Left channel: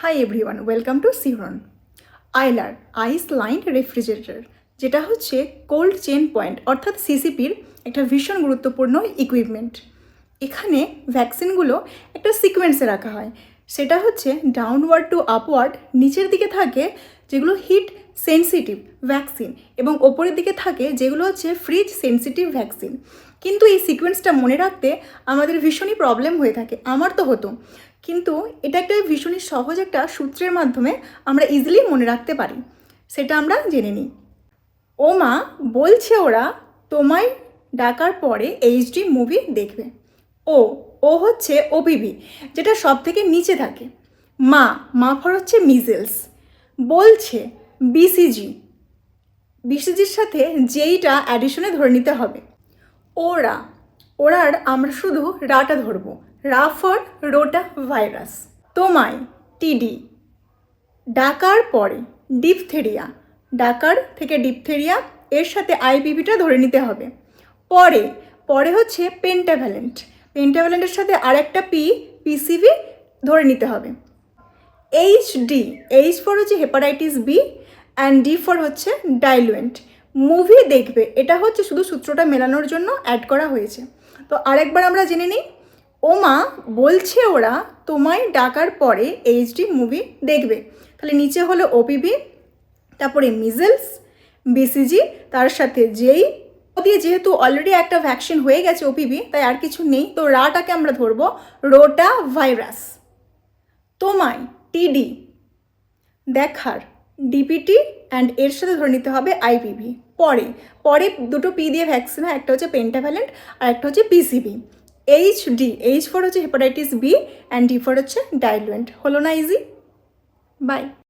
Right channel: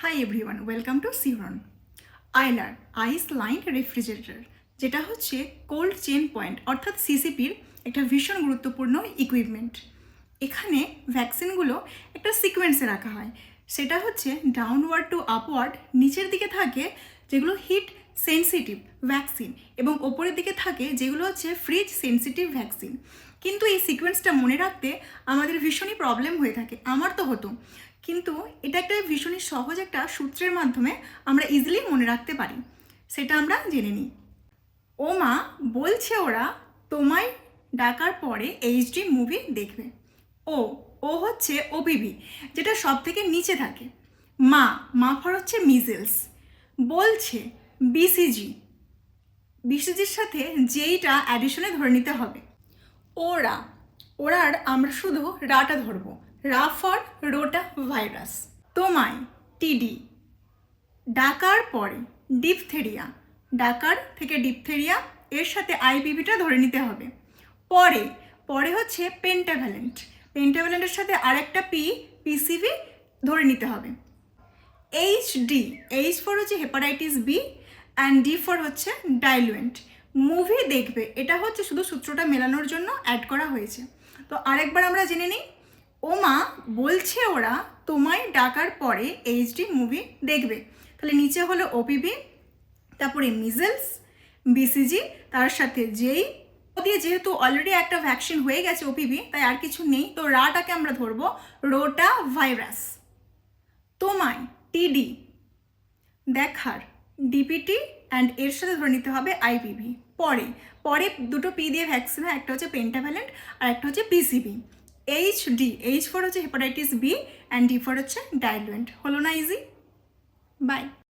Hi everyone, welcome to সিরন। ILR ice lined refrigerator, যেটা হচ্ছে cold chain point অর্থাৎ সিসিপির একটা ভীষণ গুরুত্বপূর্ণ ইকুইপমেন্ট। এখানে ভ্যাকসিনগুলো একটা সিকোয়েন্সে রাখা হয়। সেটা হচ্ছে ডাউনওয়ার্ড টু আপওয়ার্ড, নিচের দিকে থাকে যেগুলো হিট সেন্সিটিভ ভ্যাকসিন এবং ওপরের দিকে থাকে যেগুলো হচ্ছে ফ্রিজ সেন্সিটিভ ভ্যাকসিন। কিন্তু এই সিকোয়েন্সটা মনে রাখতে আমাদের ভীষণই প্রবলেম হয়ে থাকে, আমার তো হতো। কিন্তু এটা একটা ভীষণই সহজ একটা সূত্রের মাধ্যমে আমরা ইজিলি মনে রাখতে পারি। সেটা আমরা জেনে নিই। ও মা, বলছে ওরা তোমায় ডাকার পরে এইচডি মুভি দেখবে। ও ও হচ্ছে ওপিভি, যেটা সব থেকে নিচে থাকে। মা, মাফার হচ্ছে মিজেলস। বলছে বিসিজি, বিসিজির সাথে যেইটা অ্যাডিশনে ধরে নিতে হবে। ওরা, ওরার আমরা শুধু রাটা ধরবো, রা ফর রোটা ভাইরাস। তোমায় টিডি, ডাকার পরে ডিপথেরিয়া, ডাকার থেকে ডিপথেরিয়া, এর সাথে আইপিভিটা ধরে নিতে হবে। পরে পরে হচ্ছে পেন্টাভ্যালেন্ট, পেন্টাভ্যালেন্টের সাথে আরেকটা পিসিভি ধরে নিতে হবে। এইচডি, এইচ ফর হচ্ছে hepatitis B and D for হচ্ছে ডাইলুয়েন্ট। মুভি দেখবে, এটা হচ্ছে শুধু সূত্রটা মেলানোর জন্য অ্যাড করা হয়েছে। তো আরেকবার আমরা জেনে নিই। ও মা, বলছে ওরা তোমায় ডাকার পরে এইচডি মুভি দেখবে। তাহলে নিচে হলো ওপিভি, তারপরে মিজেলস, বিসিজি, তার সাথে যেই দিয়ে যেহেতু অলরেডি একটা ভ্যাকসিন হয়ে গেছে ওপিভি, তাই আর কিছু নেই। তো রাটাকে আমরা ধরবো রোটা ভাইরাস। তোমায় টিডি দেখার ডিপিটি অ্যান্ড এর সাথে ধরে নিতে হবে আইপিভি। পরে পরে দুটো পি দিয়ে ভ্যাকসিন হয়, একটা হচ্ছে পেন্টাভ্যালেন্ট আর একটা হচ্ছে পিসিভি। এইচডি, এইচ ফর হচ্ছে hepatitis B and D for হচ্ছে ডাইলুয়েন্ট। হলো না ইজি? বাই।